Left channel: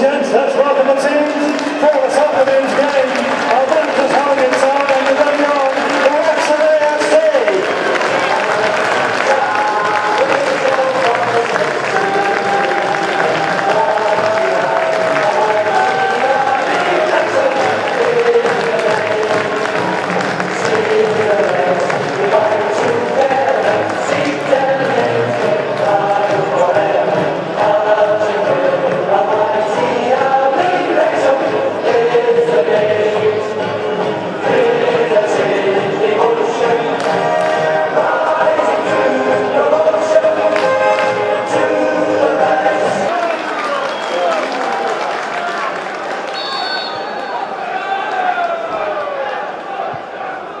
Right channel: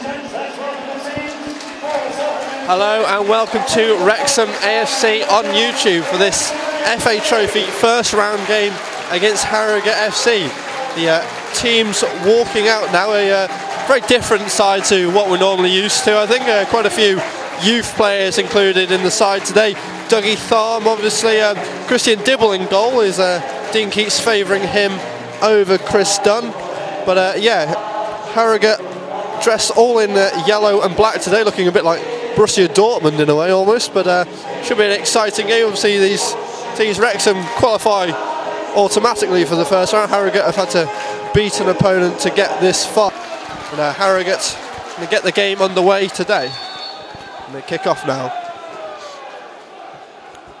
Hello and welcome to Wrexham AFC on YouTube for this FA Trophy first round game against Harrogate FC. The team's walking out now, a very different side to what we're normally used to. I think quite a few youth players included in the side today. Dougie Tharm, obviously, Christian Dibble in goal. Dean keeps favouring him over Chris Dunn. But yeah, Harrogate dressed all in yellow and black today, looking a bit like Borussia Dortmund in a way almost, but should be an exciting game. We'll see these teams. Wrexham qualify automatically for the first round. Harrogate have had to beat an opponent to get this far. Harrogate will get the game underway today. We'll kick off now.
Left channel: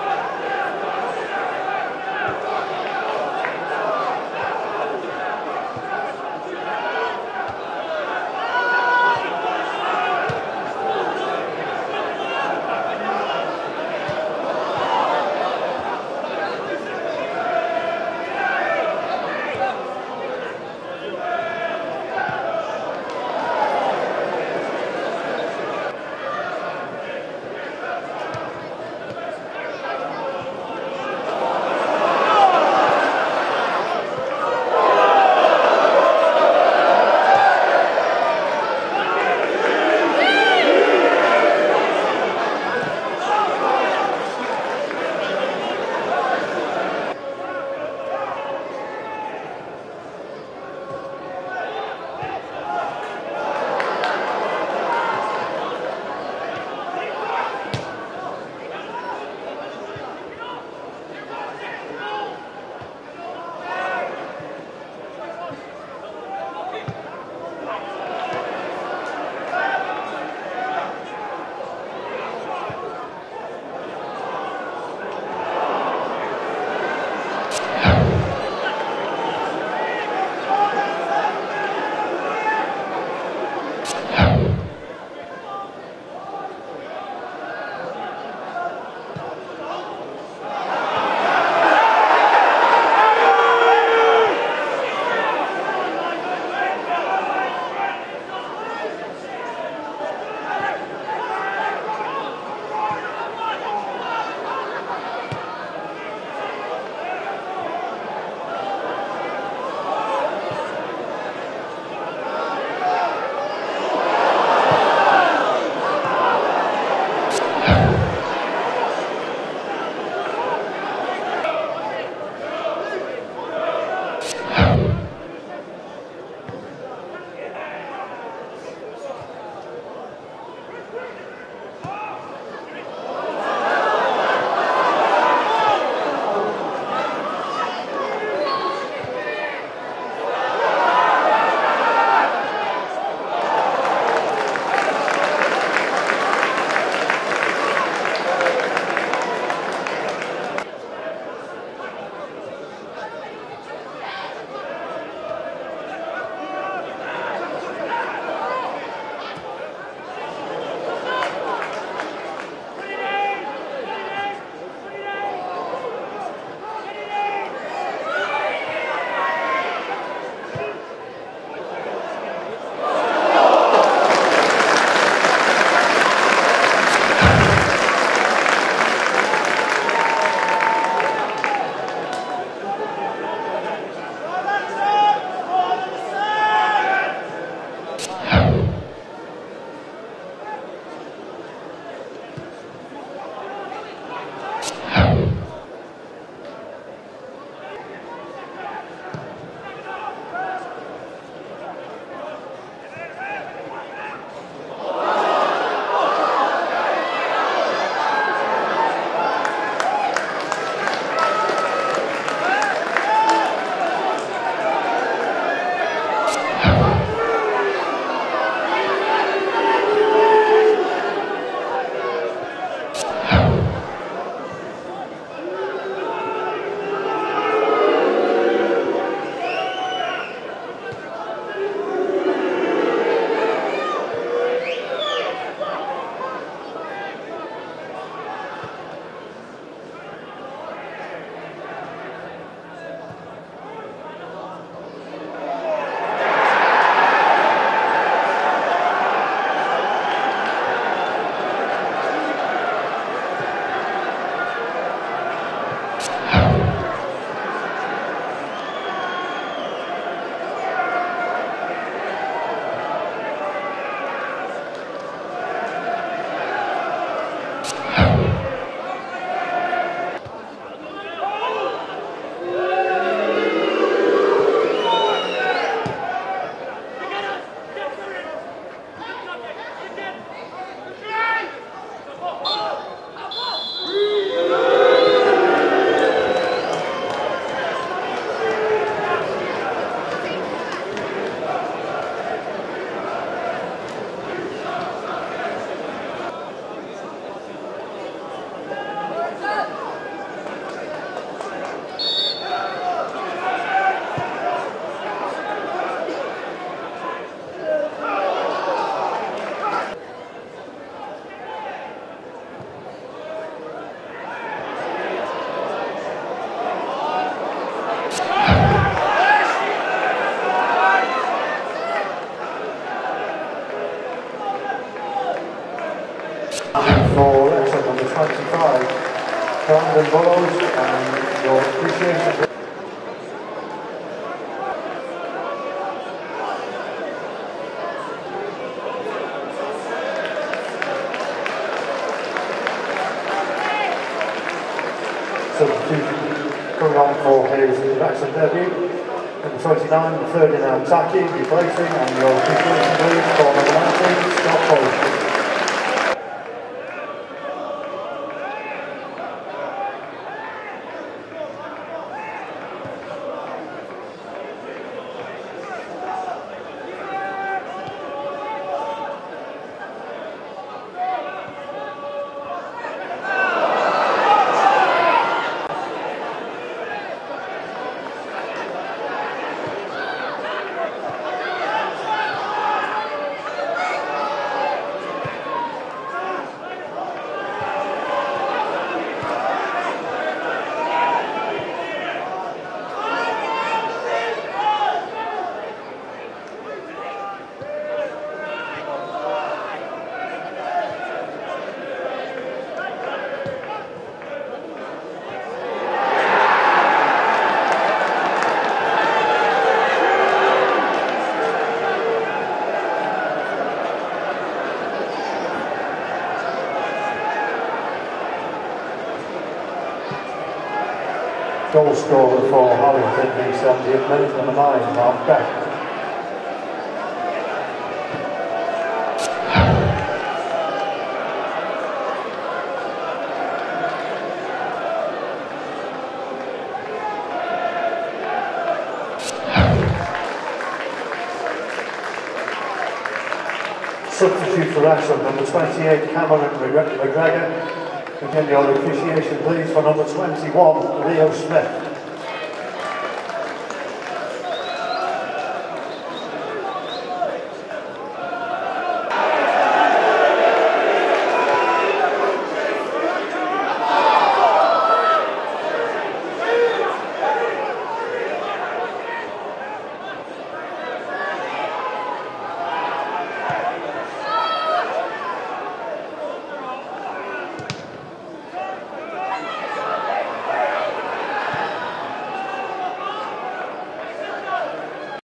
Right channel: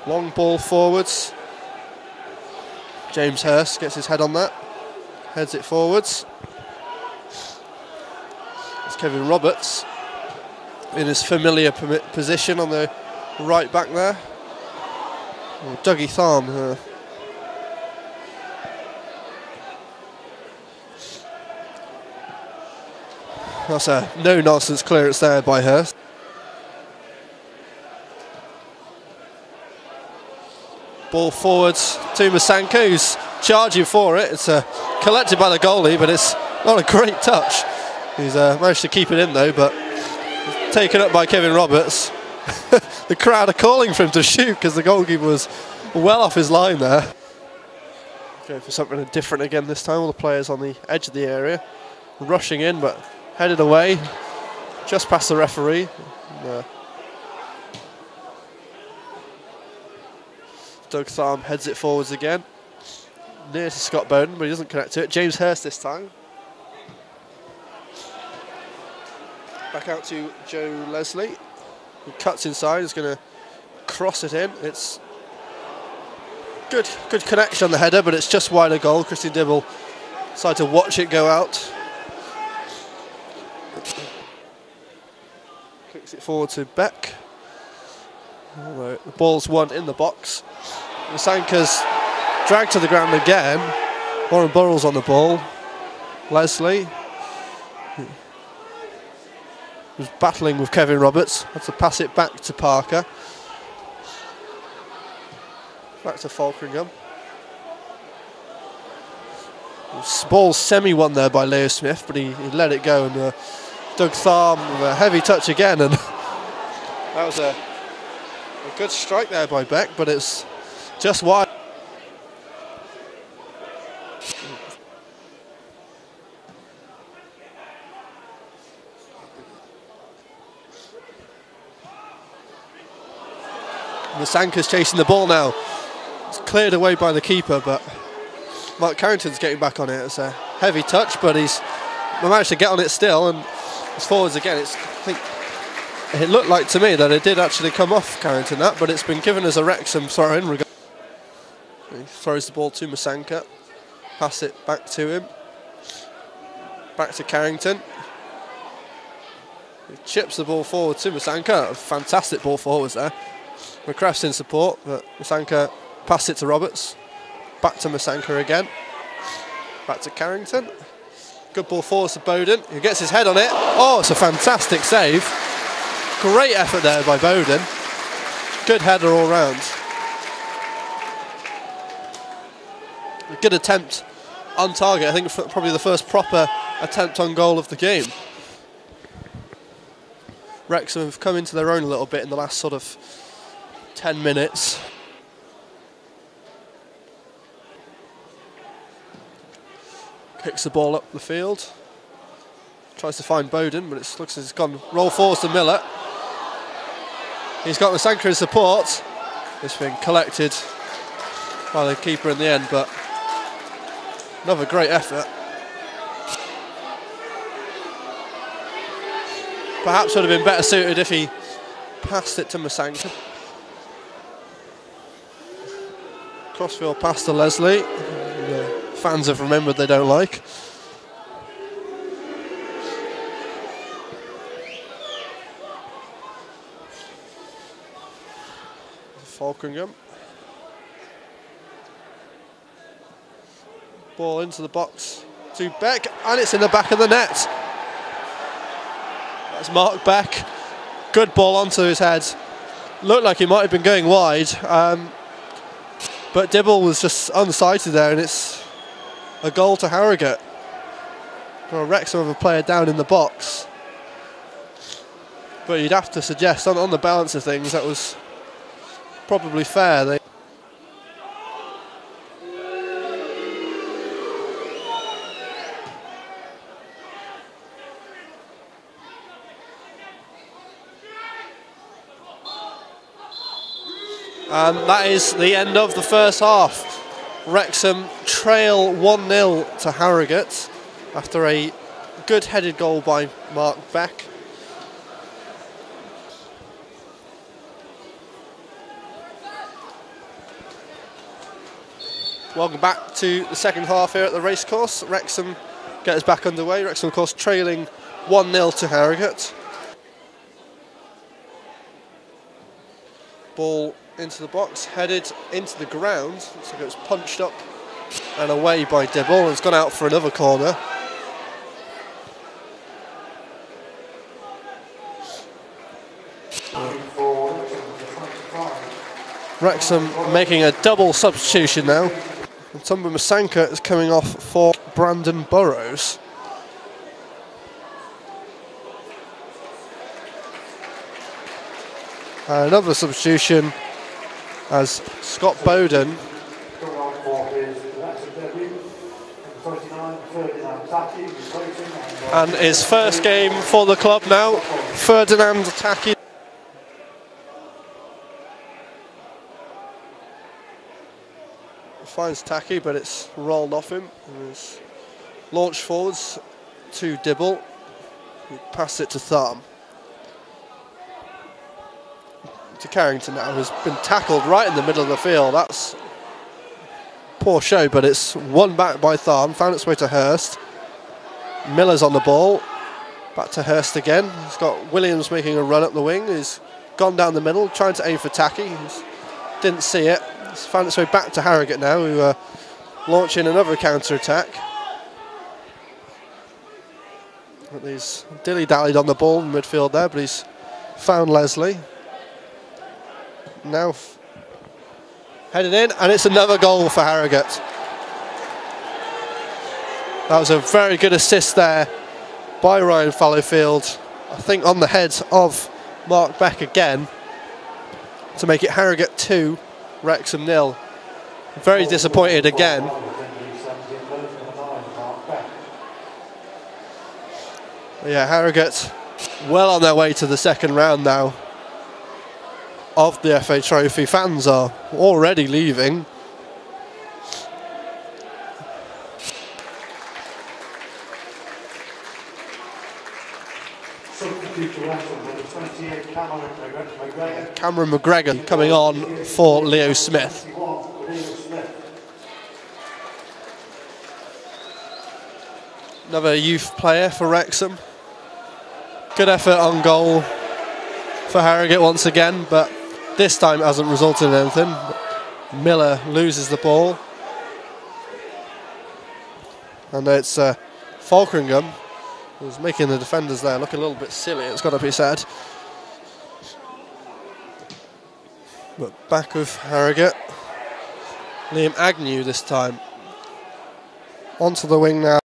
Long ball forwards. James Hurst gets his head on that, heads it forwards. Kevin Roberts in his familiar position on the right back there. Dougie Tharm. That's a no-nonsense clearance there by Hurst. Ball forwards to Masanko, who's charging for it. It's collected by the goalie, but it's not a great touch. He's managed to keep it in though, but taken up by Kevin Roberts. The crowd are calling for him to shoot because the goalkeeper was well off his line there. Going for something different again this time. All the players on the edge of the area, rushing in, but headed away just past the referee. Doug Tharm heads it forwards again. Near to Scott Bowden, but he doesn't connect to it. James Hurst this time. To Joe Leslie, he cuts inside, he's going to cross it in. It's good connection on the header, but it's just wide of goal. Christian Dibble decided to watch it go out. Kicks it forward to Beck. The ball's won in the box. Sanka's dragged to the ground again. Warren Burrell's on the ball. Leslie was battling with Kevin Roberts. Had to pass it back to Parker. Back to Falkringham. Ball's semi-won there by Leo Smith, but he let it go. And Doug Tharm, a heavy touch again. And that was a good strike there by Beck, but it's just wide. Sanka's chasing the ball now. It's cleared away by the keeper, but Mark Carrington's getting back on it. It's a heavy touch, but he's managed to get on it still, and it's forwards again. It looked like to me that it did actually come off Carrington, but it's been given as a Wrexham throw-in. Throws the ball to Masanka, pass it back to him, back to Carrington. Chips the ball forward to Masanka. Fantastic ball forwards there. McCraft's in support, but Masanka passed it to Roberts. Back to Masanka again. Back to Carrington. Good ball forwards to Bowden, who gets his head on it. Oh, it's a fantastic save. Great effort there by Bowden. Good header all round. Good attempt on target. I think probably the first proper attempt on goal of the game. Wrexham have come into their own a little bit in the last sort of 10 minutes. Picks the ball up the field. Tries to find Bowden, but it looks as it's gone roll forwards to Miller. He's got Masanka in support. It's been collected by the keeper in the end, but another great effort. Perhaps would have been better suited if he passed it to Masanka. Crossfield pass to Leslie. Fans have remembered they don't like. Falkringham. Ball into the box to Beck, and it's in the back of the net. Mark Beck. Good ball onto his head. Looked like he might have been going wide, but Dibble was just unsighted there, and it's a goal to Harrogate. Well, Wrexham have a player down in the box, but you'd have to suggest on the balance of things that was probably fair. And that is the end of the first half. Wrexham trail 1-0 to Harrogate after a good headed goal by Mark Beck. Welcome back to the second half here at the Racecourse. Wrexham get us back underway. Wrexham, of course, trailing 1-0 to Harrogate. Ball into the box, headed into the ground, so it's punched up and away by Dibble. It's gone out for another corner. Wrexham making a double substitution now. Tumba Masanka is coming off for Brandon Burrows. Another substitution as Scott Bowden coming on for his Wrexham debut. Number 29, Ferdinand Taki, replacing. And his first game for the club now, Ferdinand Taki. Finds Taki, but it's rolled off him. It's launched forwards to Dibble, passed it to Thumb. To Carrington, and has been tackled right in the middle of the field. That's poor show, but it's won back by Thumb, found its way to Hurst. Miller's on the ball, back to Hurst again. He's got Williams making a run up the wing. He's gone down the middle, trying to aim for Taki. Didn't see it. It's found its way back to Harrogate now, who are launching another counter-attack. He's dilly-dallied on the ball in midfield there, but he's found Leslie. Now headed in, and it's another goal for Harrogate. That was a very good assist there by Ryan Fallowfield, I think on the head of Mark Beck again, to make it Harrogate 2, Wrexham 0. Very disappointed again. Yeah, Harrogate well on their way to the second round now of the FA Trophy. Fans are already leaving. Substitute for Wrexham, number 28, Cameron McGregor. Cameron McGregor coming on for Leo Smith. Leo Smith. Another youth player for Wrexham. Good effort on goal for Harrogate once again, but this time it hasn't resulted in anything. Miller loses the ball. And it's Falkeringham who's making the defenders there look a little bit silly, it's got to be said. But back with Harrogate. Liam Agnew this time. Onto the wing now.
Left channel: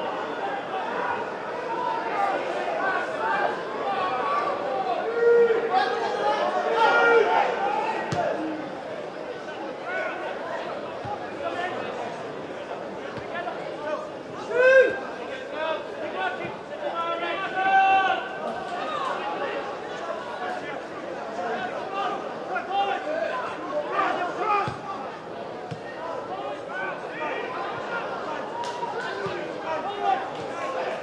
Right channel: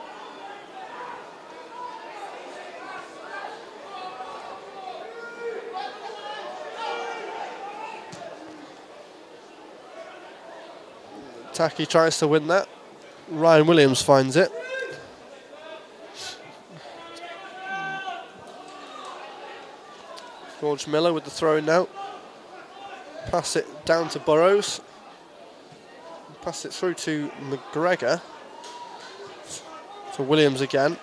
Taki tries to win that. Ryan Williams finds it. George Miller with the throw in now. Pass it down to Burrows. Pass it through to McGregor. To Williams again.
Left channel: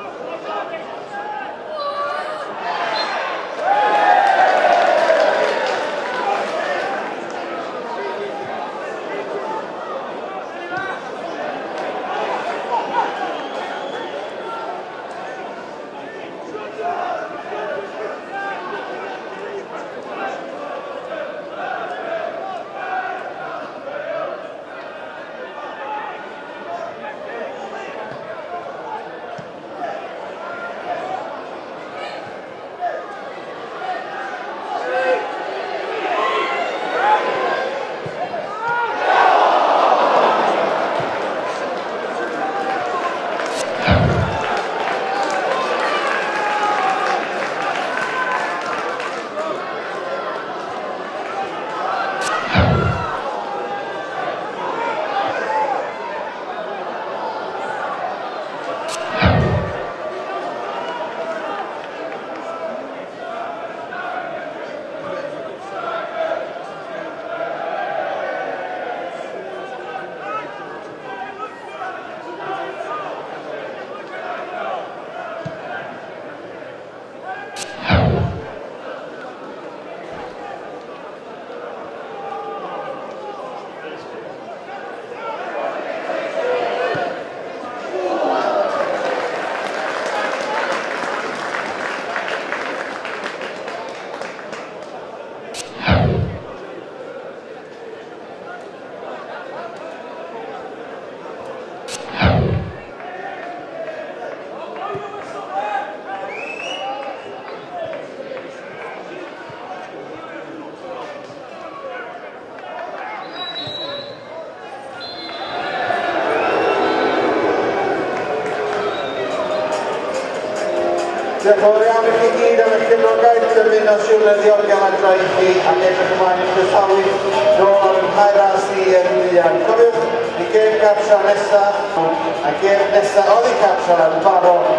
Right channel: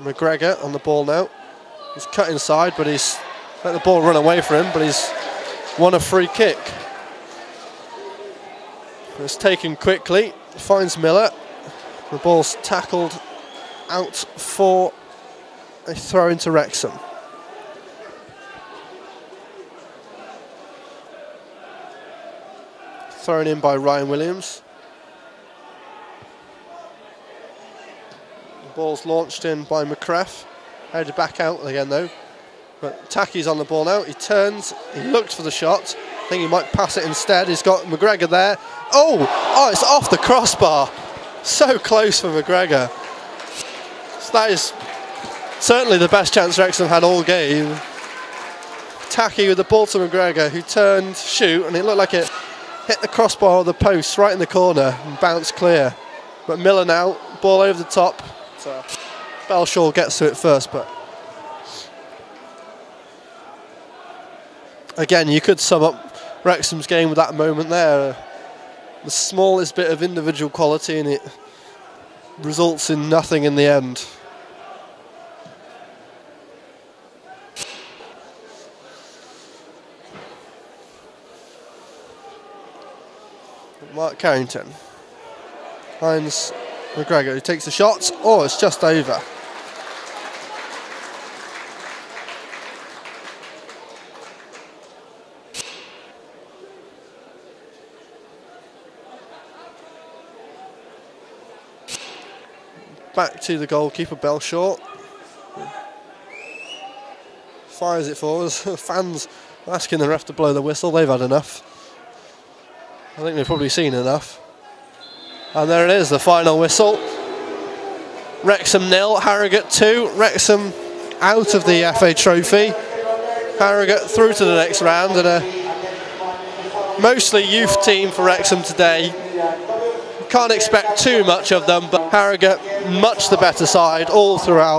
McGregor on the ball now. He's cut inside, but he's let the ball run away for him, but he's won a free kick. It's taken quickly, finds Miller. The ball's tackled out for a throw into Wrexham. Thrown in by Ryan Williams. The ball's launched in by McCraff. Headed back out again though. But Tacky's on the ball now. He turns, he looks for the shot. I think he might pass it instead. He's got McGregor there. Oh, it's off the crossbar. So close for McGregor. So that is certainly the best chance Wrexham had all game. Tacky with the ball to McGregor, who turned, shoot, and it looked like it hit the crossbar of the post right in the corner and bounced clear. But Miller now, ball over the top. Belshaw gets to it first, but again, you could sum up Wrexham's game with that moment there. The smallest bit of individual quality, and it results in nothing in the end. Mark Carrington finds McGregor, who takes the shot. Oh, it's just over. Back to the goalkeeper, Belshaw. Fires it forwards. Fans asking the ref to blow the whistle. They've had enough. I think they've probably seen enough. And there it is, the final whistle. Wrexham 0, Harrogate 2. Wrexham out of the FA Trophy. Harrogate through to the next round. And a mostly youth team for Wrexham today. Can't expect too much of them, but Harrogate much the better side all throughout.